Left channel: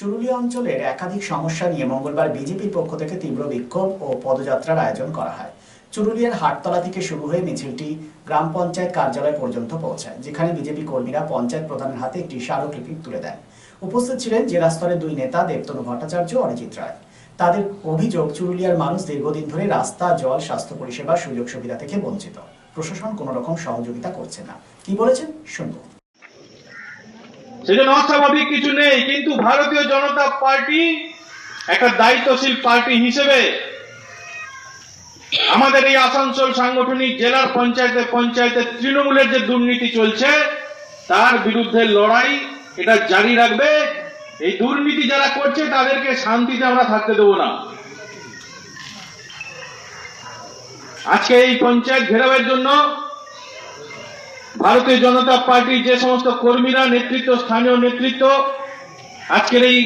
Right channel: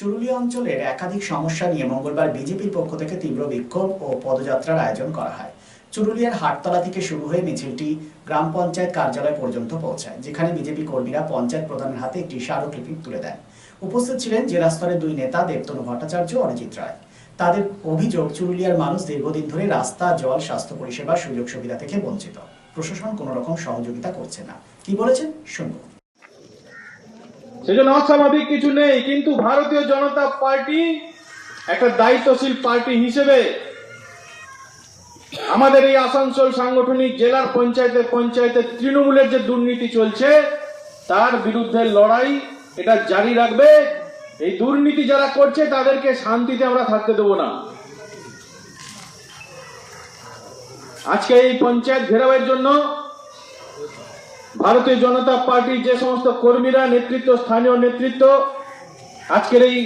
চুরুলিয়া অঞ্চলের একাধিক সমস্যা নিয়ে মঙ্গলবার বিজেপির পক্ষ থেকে তীব্র বিক্ষোভ ও পদযাত্রার আয়োজন করা হয়। চুরুলিয়ার হাটতলা থেকে শুরু হয়ে মিছিলটি গ্রাম পঞ্চায়েত কার্যালয় পর্যন্ত পৌঁছায়, যেখানে বিজেপি কর্মীরা পঞ্চায়েত প্রধানের হাতে একটি স্মারকলিপি তুলে দেন। উপস্থিত ছিলেন জেলা স্তরের দুই নেতা দেবতনু ভট্টাচার্য ও অরিজিৎ রায়। তাদের অভিযোগ, চুরুলিয়ার মানুষ দীর্ঘদিন ধরে রাস্তা, জল, স্বাস্থ্য পরিষেবা, সুযোগ সুবিধা থেকে বঞ্চিত। প্রশাসন কোনো রকম সহযোগিতা করছে না। কি বলেছেন শুনবো। সেজন্য অস্বাভাবিক কিছু নেই, কিন্তু ভারতীয় জনতা পার্টি একটা দায়িত্বশীল পার্টি হিসেবে আমাদের এই আসানসোল সাংগঠনিক জেলার পঞ্চায়েতে তৃণমূলের যে দুর্নীতি চলছে তার বিরুদ্ধে লড়াই এটা জারি রাখবে। এই দুর্নীতি যারা করছে তাদেরকে শান্তিতে আমরা থাকতে দেব না। আজকে এই পঞ্চায়েত ঘেরাওয়ের জন্য ভারতীয় জনতা পার্টির যে সমস্ত কর্মীরা, নেতৃত্ব, স্থানীয় নেতৃত্ব আজকের এই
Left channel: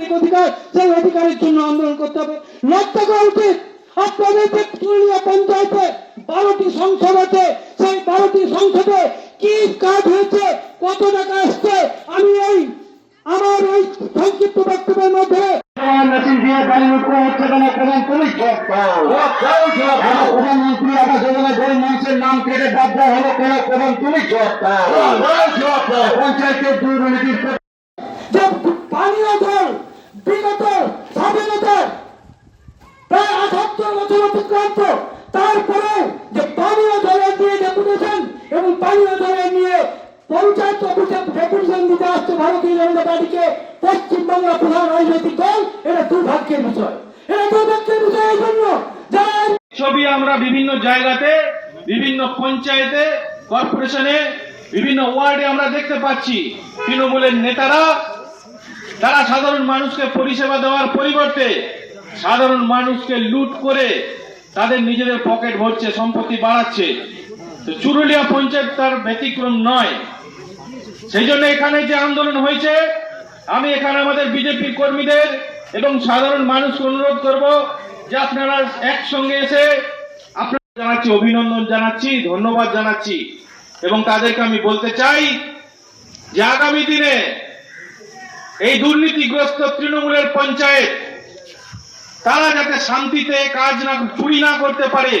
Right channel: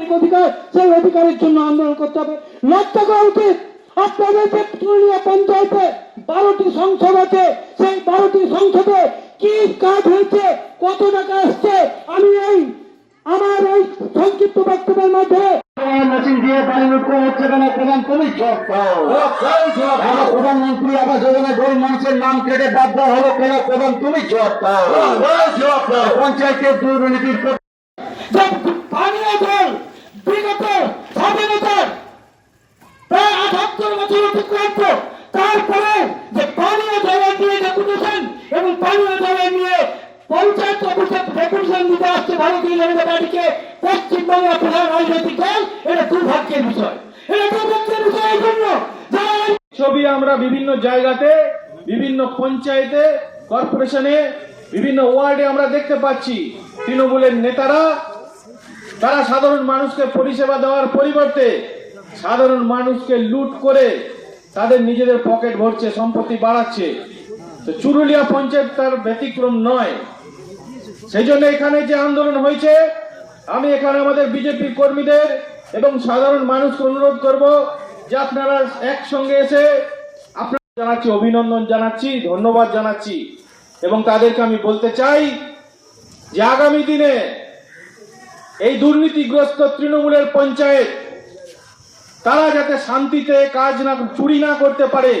অধিকার, সেই অধিকারের জন্য আন্দোলন করতে হবে। লক্ষ্য করা উচিত, আপনাদের চুরুলিয়া পঞ্চায়েতে 12টি সংসদ আছে, সেই 12টি সংসদে কি কাজ হয়েছে, কত টাকা আসছে, আমি আমার এই সংক্ষিপ্ত বক্তব্যের মধ্যে প্রধানমন্ত্রী আবাস যোজনায় গরিব মানুষের নাম কেটে বাদ দেওয়া হলো কেন? প্রধান তুমি জবাব দাও। পঞ্চায়েতের দুর্নীতির পানীয় জল বিগত স্বাধীনতা প্রায় 78 বছর অতিক্রান্ত, তারপরে যে পানীয় জলের নিয়ে ডেপুটেশন এবং পানীয় জলের নিয়ে পঞ্চায়েত অফিসে ডেপুটেশন দিতে আসছে ভারতীয় জনতা পার্টিকে পশ্চিমবাংলা প্রধান রাজনৈতিক দল, এটা দুর্ভাগ্যের বিষয়। এটা দুর্ভাগ্যের বিষয় এই জন্য ছবি আমরা বিভিন্ন জায়গাতে, বিভিন্ন পঞ্চায়েতে, কর্পোরেশনে, বিভিন্ন ওয়ার্ডে আমরা দেখতে পাচ্ছি তৃণমূলের নেতারা তারা সাধারণ মানুষকে পরিষেবা দেওয়ার পরিবর্তে সাধারণ মানুষকে লুট করে তাদের নিজেদের পকেট ভরছে, সম্পত্তি বাড়াচ্ছে। তো চুরুলিয়া পঞ্চায়েত তার ব্যতিক্রম নয়। সেই জন্য এখানে যে আন্দোলন হয়েছে, আমি এখানে আমাদের বিজেপি কর্মীদের এবং সাধারণ মানুষকে অনুরোধ করব যে আপনারা একসঙ্গে এসে আপনাদের জানাচ্ছি, অভিনন্দন জানাচ্ছি, ধন্যবাদ জানাচ্ছি এবং তাদেরকে আমি বলতে চাই যে আগামী দিনে এই দুর্নীতিগ্রস্ত তৃণমূলের পঞ্চায়েত তারা যাতে শান্তিতে কাজ না, চুরি না করতে পারে,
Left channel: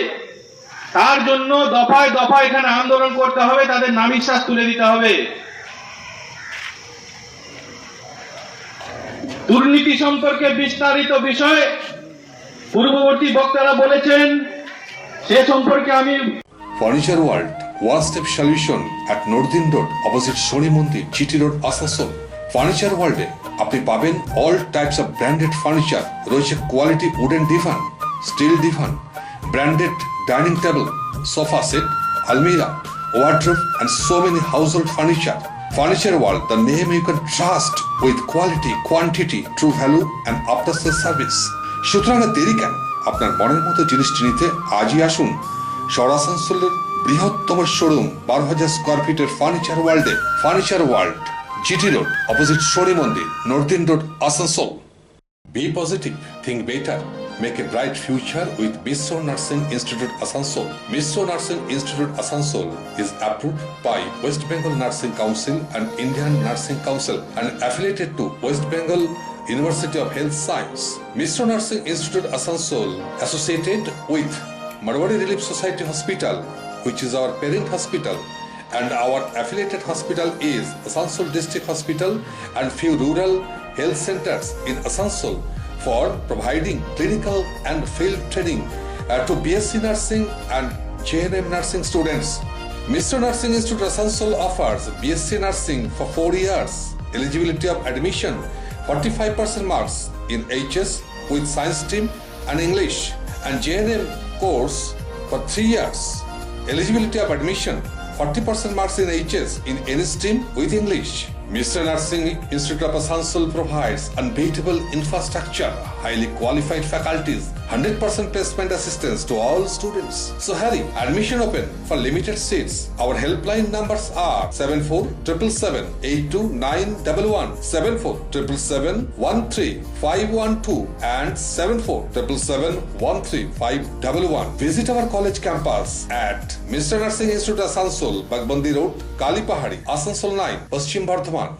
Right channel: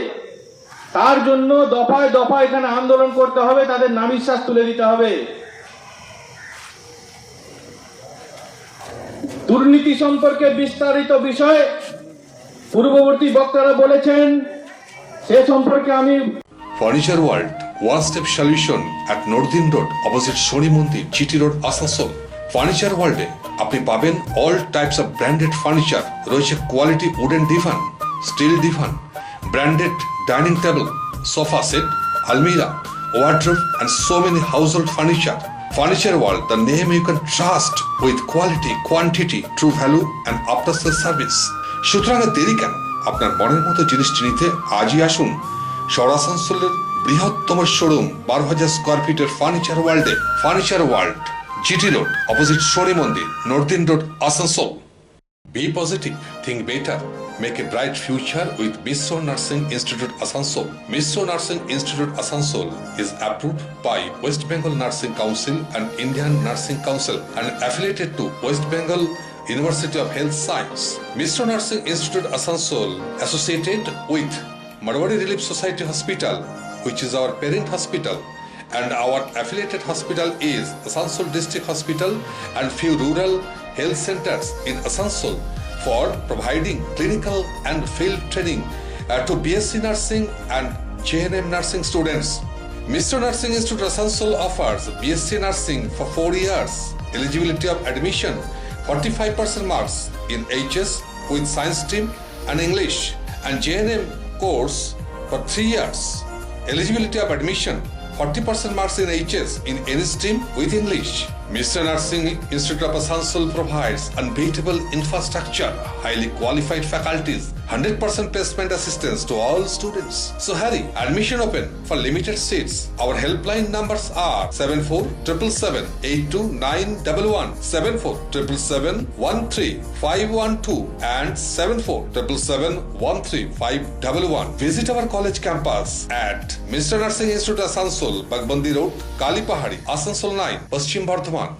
তার জন্য দফায় দফায় এখানে আন্দোলন করতে হবে, তাদের নামিশ্বাস তুলে দিতে হবে। দুর্নীতি সম্পর্কে বিস্তারিত বিষয় পূর্ববর্তী বক্তারা বলেছেন, সে সম্পর্কে আমি furniture world one step solution at northern road opposite Shani মন্দির, জিটি রোড, আসানসোল। ফার্নিচার ওয়ার্ল্ডে আপনি পাবেন all types of branded furniture. রয়েছে quality wooden divan, steel divan, branded dining table, sofa set, আলমিরা, wardrobe and so many household furniture. Furniture World, the name you can trust with quality, quantity, true value and after sales service. সুতরাং দেরি কেন? আপনার মনের মতো জিনিসটি নিতে আজই আসুন শহর আসানসোলের বৃহত্তম শোরুম 12,000 স্কোয়ার ফিটের ফার্নিচার ওয়ার্ল্ডে। Furniture world, GT road opposite Shani মন্দির, northern road, Asansol. Be positive, think better, make a bright future with Mishra Nursing Institute Asansol. Mishra Nursing Institute Asansol is approved by West Bengal Nursing Council and Indian Nursing Council and affiliated to West Bengal University of Health Science. Mishra Nursing Institute Asansol associated with Marwari Relief Society Hospital, which is our parent hospital, and our affiliated hospital is Asansol District Hospital and few rural health centers in Asansol for providing clinical and field training to BSc Nursing and JNM Nursing students. Mishra Nursing Institute Asansol offers BSc Nursing for 4 years. Eligibility of admission 45% marks in HS with science stream and English, and JNM course for 3 years. Eligibility of admission 40% marks in HS in any stream with English. Mishra Nursing Institute of Asansol provides unbeatable infrastructure, highly qualified faculties, 100% placement assistance to all students. So hurry, admission open for limited seats. Our helpline numbers are 7477782911, 7477713512 and 74771351. Visit our college campus at Mishra Nursing Institute Asansol, Bagbandi Road, Kalipahari, Asansol 9, Paschim Bardhaman.